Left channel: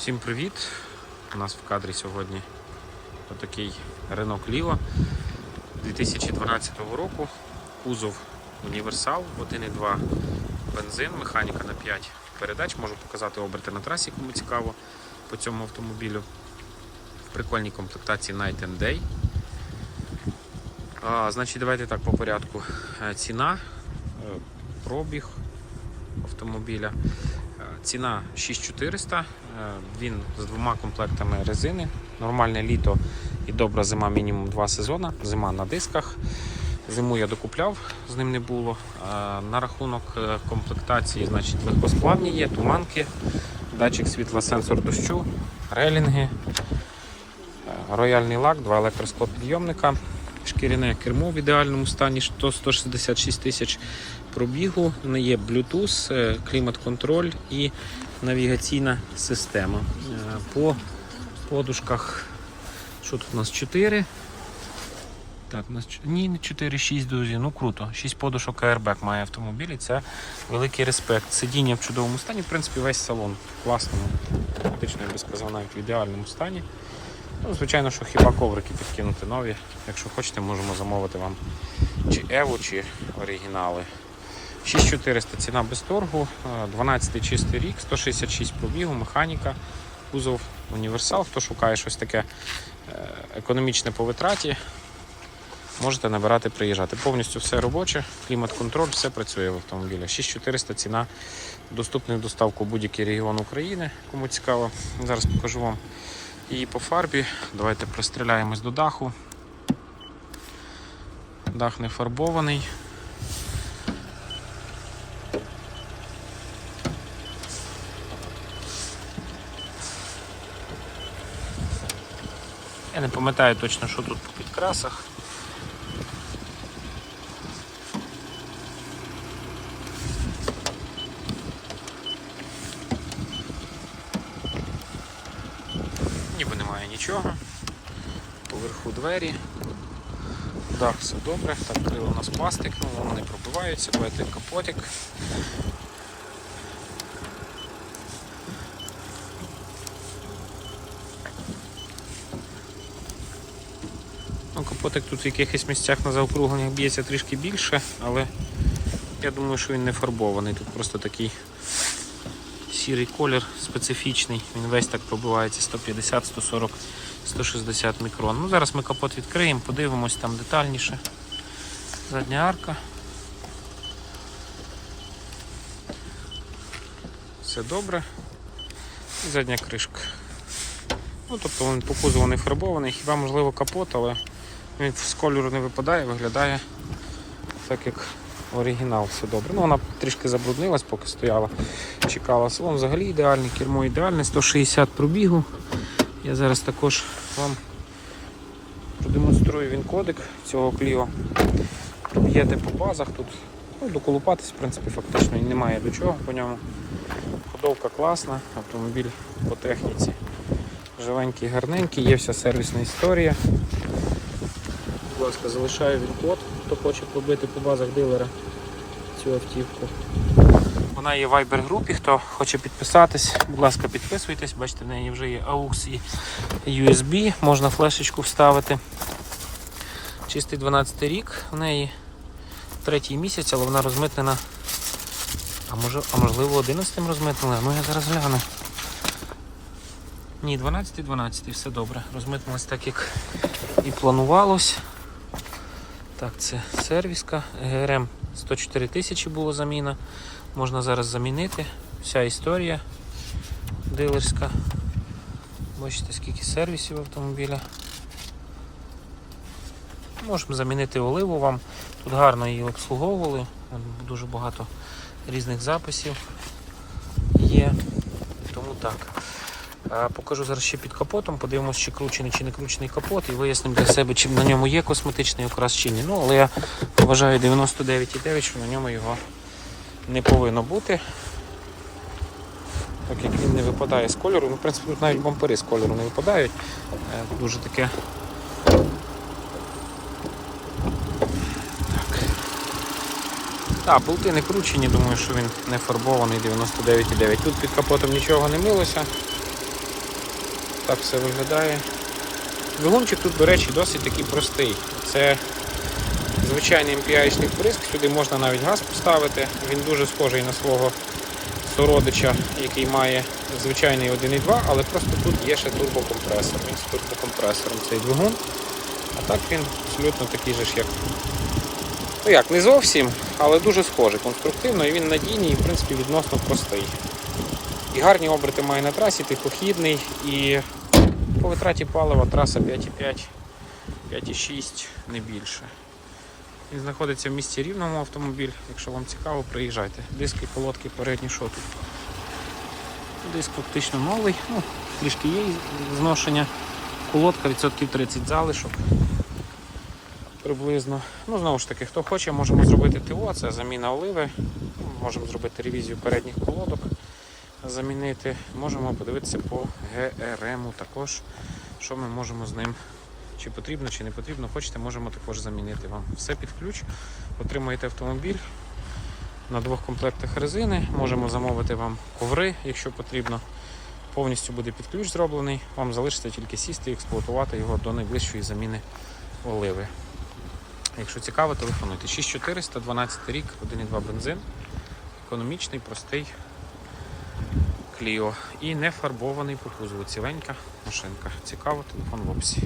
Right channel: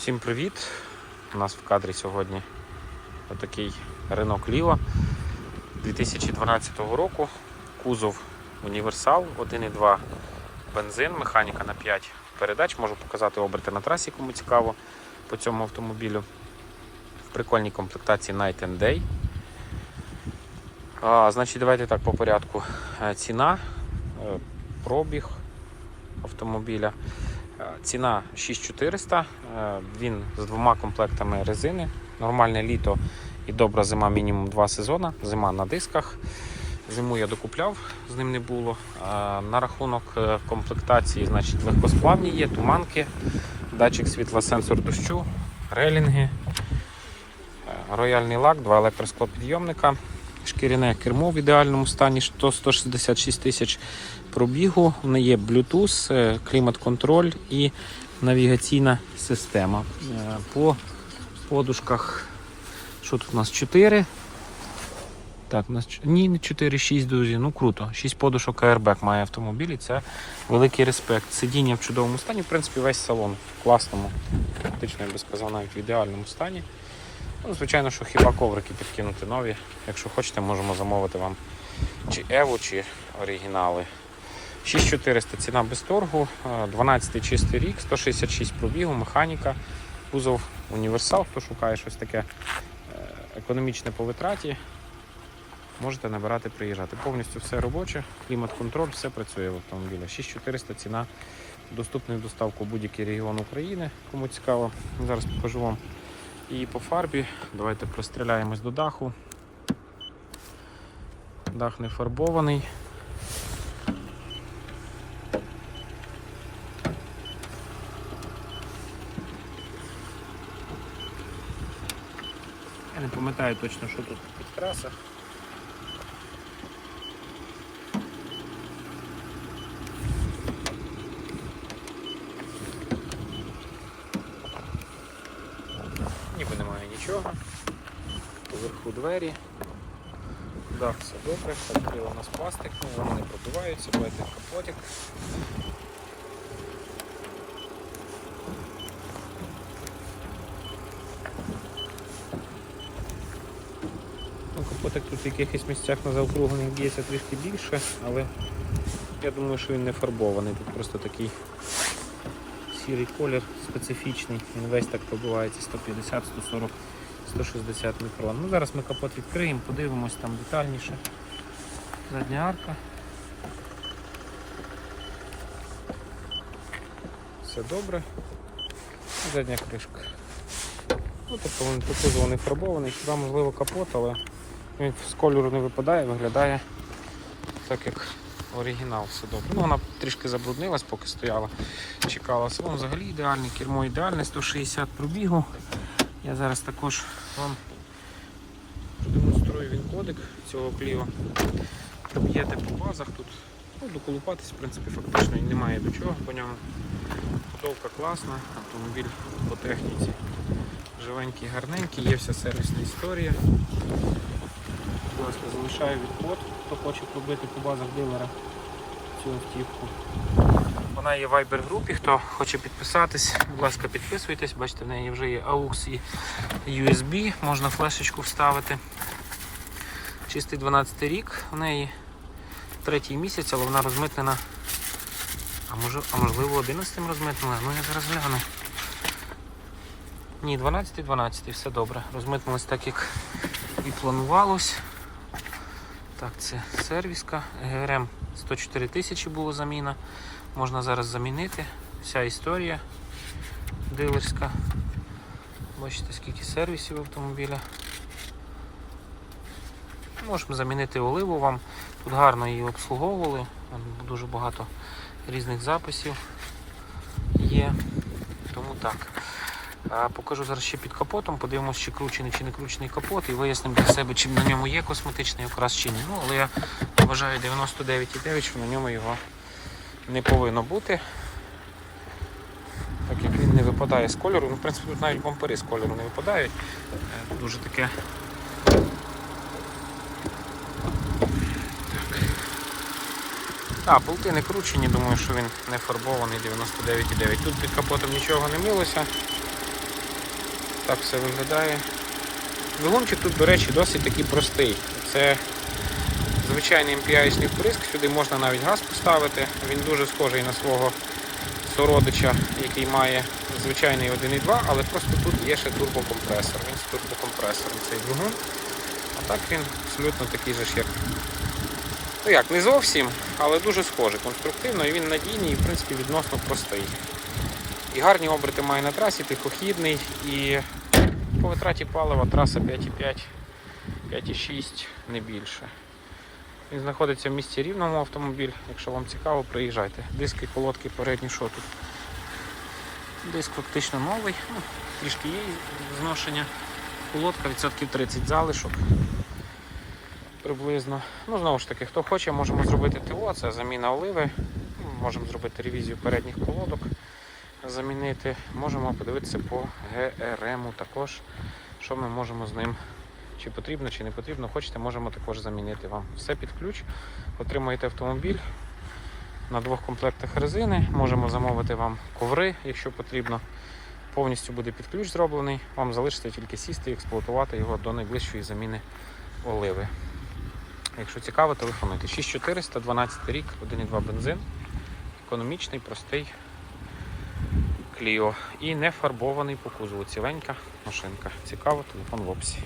Всім привіт! У нас в кадрі сьогодні отакий Renault Clio 2012 року. Кузов універсал 1.2 бензин, механіка на 5 передач. Можу показати оберти на трасі, кому цікаво по цьому автомобілю. В прикольній комплектації Night and Day. А, значить, давайте так по порядку. Е, Ціна, е, пробіг автомобіля. Е, Ціна 6400, е, він з двома комплектами резини. Нормальне літо і добра зима, мінімум 2 сезони. Зима на дисках. Зиму я докупляв, з ним не було. Е, На рахунок комплектації, значить, легкосплавні є, туманки, датчик світла, сенсор дощу, релінги, рояльний лак, два електросклопідйомника, шкіряне кермо в ідеальному стані 100 166 тисяч пробігу. В неї є Bluetooth, е, клімат-контроль і навігаційна система. Е, По подушках, що тут у нас 4. Так, у нас ні, не 4, 6, друзі. Ну круто. 6 подушок airbag має автомобіль, і це великий респект. Сидіння в чудовому стані, в принципі, весь салон в класному, фактично, я би сказав, навіть в ідеальному стані. Ну, звичайно, що хіба коврики підкинути нові. Якщо хочете, можемо замовити вам чи Еву, чи оригінали. 6400 ціна без торгу, е, 12 чистий рік, 166 пробігу, механіка, кузов універсал. Хто шукає щось таке е, економічне по витраті, можете набирати, приїжджати. Повністю все робоче, клімат-контроль, все працює в автомобілі. 6400 ціна доступна в доставку в будь-який регіон України. Кому цікаво, зараз покажу вам її по фарбі. Давайте пристріляємось до даху. Дах не фарбований. Я не пам'ятаю точно, що тут по підкрасах. Ніби немає нічого. Поверху двері. Дах все добре. Так, крила у нас пластик, ну вони пробиваються, бачите, капотик. Ну, капотик тут в якихось місцях на заокругленнях б'ється трішки більше, але я думаю, що він не фарбований. Тут просто такий сірий колір специфічний. Він весь так пробивається 150, 140, 160 мікрон. Ну, зараз ми капот відкриємо, подивимось там детальніше. Задня арка. Все добре. І задня кришка. Ну, тобто він по кузову не фарбований, хіба можливо капот, але він з кольору не випадає, виглядає так як оригінал, все добре. Ну, вона трішки забруднилась, поки стояла, чекала. Салон взагалі ідеальний, кермо ідеальне, 160 пробігу. Я зараз також вам продемонструю він кодик цього кліо. Проб'єте по базах тут. Ну, доколупатись, в принципі, фактично і немає до чого по ньому. Ходовка класна, автомобіль по техніці. Живенький, гарненький, є вся сервісна історія. Будь ласка, залишаю він код, хто хоче пробити по базах дилера цю автівку. Вона є в Viber групі, хто хоче підписатись, будь ласка, підписуйтесь, бачите, в неї вже є AUX і USB, можна флешечку вставити. Чистий 12 рік в неї третій місяць, але вона розмитнена. А може, а можливо 11 розмитнили? Ну я зараз гляну. Ні, 12 12 все добре. Розмитнулось так, як і планувалось. Так, це сервіска. ГРМ 104 тисячі було заміна. Можна зараз замінити. Вся історія дилерська. Бачите, скільки сервісів автомобіля. Можемо замінити оливу вам. Тут гарно її обслуговували. Дуже багато різних записів є. Тому так. Покажу зараз ще під капотом, подивимось, чи кручений, чи не кручений капот, і вияснимо для себе, чи на ньому є косметичний окрас чи ні. Ну, але я вважаю 99,9, що на ньому його не повинно бути. Так як він не випадає з кольору. Ну, в принципі, тут навіть бампери з кольору не випадають. Е, Дуже таке. Так, болти не кручені, думаю, що він не фарбований 99,9. Тут під капотом нічого не милося. Ось, бачите, скільки сервісів. Так все виглядає. Двигунчик тут, до речі, досить такий простий. Це звичайний MPI-шний вприск, сюди можна навіть газ поставити. Він дуже схожий на свого сородича, який має звичайний 1.2, але просто тут є ще турбокомпресор. Він з турбокомпресором цей двигун. А так він абсолютно такий же ж, як. Ну як, не зовсім, але дуже схожий конструктивно і він надійний і в принципі відносно простий. І гарні оберти має на трасі, тихохідний і по витраті палива траса 5,5, 5,6, не більше. Він знаходиться в місті рівному автомобіль. Якщо вам цікаво, приїжджайте. Диски, колодки передні, що тут? Диск фактично новий, ну, трішки є зношення. Колодка відсотків 30 залишок. Приблизно. Ну, знову ж таки, хто хоче, можемо зробити ТО, це заміна оливи. Можемо зробити ревізію передніх колодок, замінити. Можемо подивитися по ГРМ також, що ми можемо з ним чи потрібно, чи не потрібно. Хочете, можемо також замінити вам. Все під ключ. Отримаєте автомобіль на двох комплектах резини. Можемо замовити вам коври, якщо потрібно. Повністю буде під ключ зроблений. Вам залишиться тільки сісти і експлуатувати його до найближчої заміни оливи. Якщо цікаво, телефонуйте. 6400, 12 рік, 1,2 бензин. Економічний, простий Кліо. І не фарбований по кузову. Ціленька машинка. Цікаво, телефон в описі.